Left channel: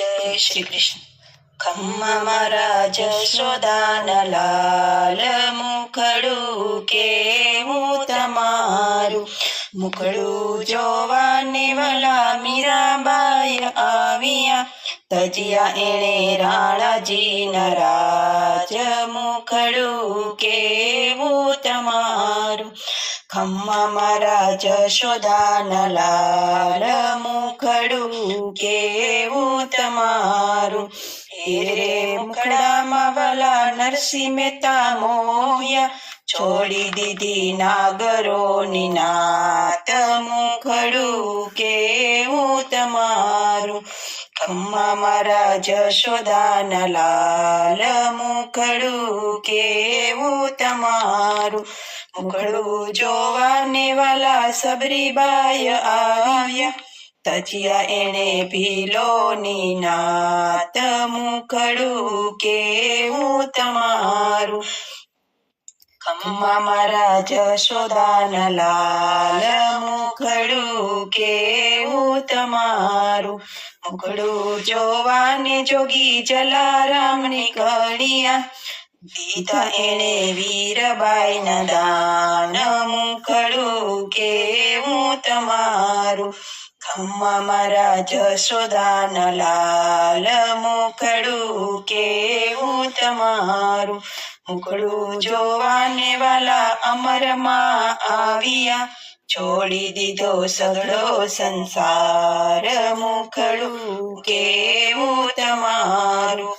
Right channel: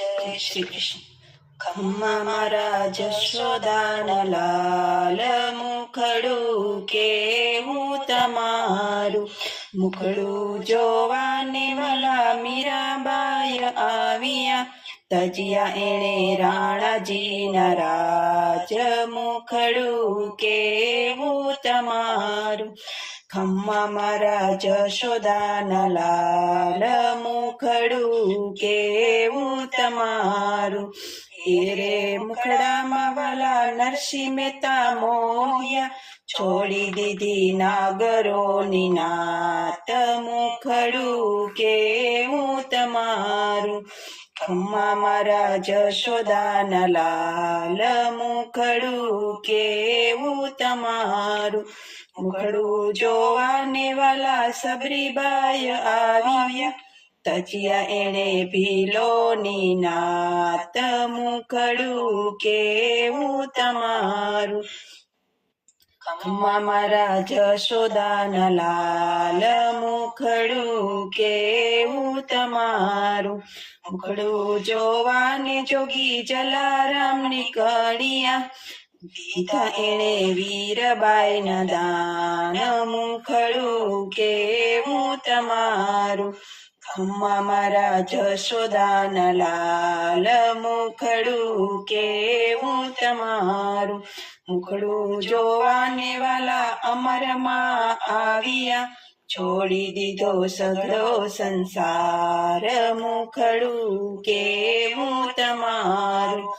જય શ્રી કૃષ્ણ. ખમ્મા મારા જશોદાના લાલ, મુખડું કેવું તમારું. મુખડું જોવાને વાલા મીરાબાઈ આવ્યા, તજિયા એણે રાણાજીના રાજ. મુખડું કેવું તમારું. ખમ્મા મારા જશોદાના લાલ, મુખડું કેવું તમારું. રે મુખડામાં વાલા નરસિંહ મહેતા મોહ્યા, છોડી દીધી નાગરોની નાત. મુખડું કેવું તમારું. ખમ્મા મારા જશોદાના લાલ, મુખડું કેવું તમારું. મુખડું જોવાને વાલા સબરીબાઈ આવ્યા, તજિયા એણે ભીલોની નાત. મુખડું કેવું તમારું. ખમ્મા મારા જશોદાના લાલ, મુખડું કેવું તમારું. મુખડું જોવાને જોગી જલારામ નીકળ્યા, દીધા એણે વીરબાઈના દાન. મુખડું કેવું તમારું. ખમ્મા મારા જશોદાના લાલ, મુખડું કેવું તમારું. મુખડું જોવાને વાલા અમરમાં આવ્યા, છોડી દીધો સઘળો સંસાર. મુખડું કેવું તમારું.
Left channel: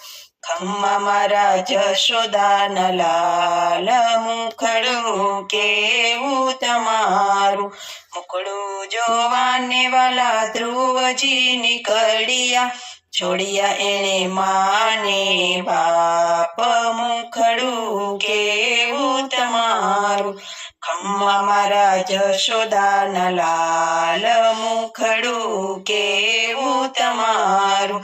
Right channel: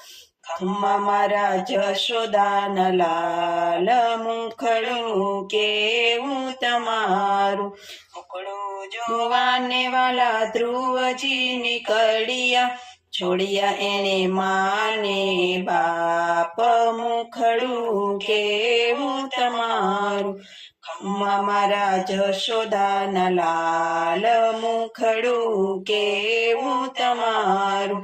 ખમ્મા મારા જશોદાના લાલ, મુખડું કેવું તમારું. મુખડું જોવાને વાલા ધ્રુવજી નીકળ્યા, છોડ્યા એણે માને બાપ. મુખડું કેવું તમારું. ખમ્મા મારા જશોદાના લાલ, મુખડું કેવું તમારું.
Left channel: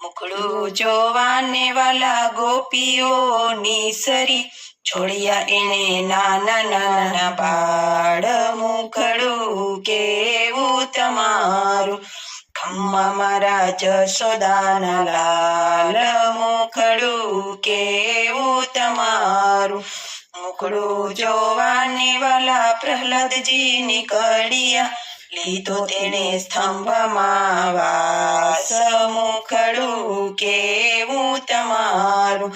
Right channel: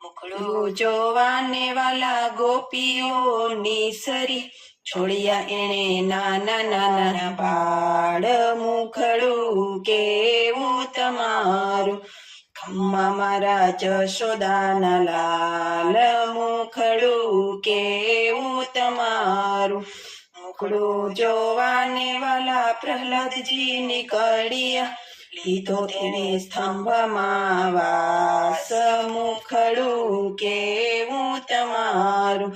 મુખડું જોવાને વાલા ગોપીઓની સરી, છોડ્યા એણે નાના નાના બાળ. મુખડું કેવું તમારું. ખમ્મા મારા જશોદાના લાલ, મુખડું કેવું તમારું. મુખડું જોવાને વાલા પ્રહલાદજી નીકળ્યા, લીધો તેણે સ્તંભમાં વાસ. મુખડું કેવું તમારું.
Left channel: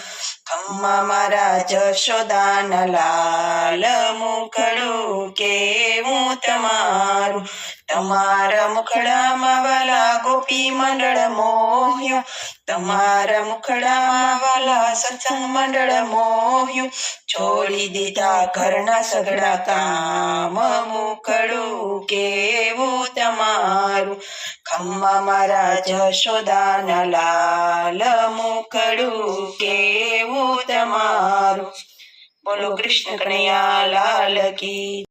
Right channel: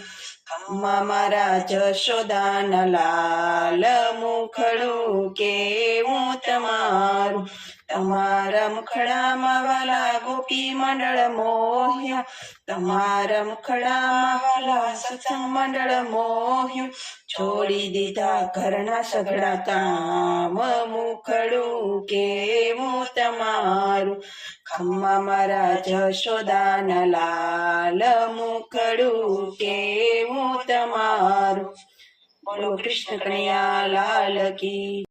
ખમ્મા મારા જશોદાના લાલ, મુખડું કેવું તમારું. તમારા મુખડામાં વાલા ગોપી મંડળ મોહ્યું, તમારા મુખડામાં વાલા સત્સંગ મંડળ મોહ્યું. છોડી દીધા ઘરના સઘળા કામ. મુખડું કેવું તમારું. ખમ્મા મારા જશોદાના લાલ, મુખડું કેવું તમારું. બોલો કૃષ્ણ કનૈયા લાલ કી.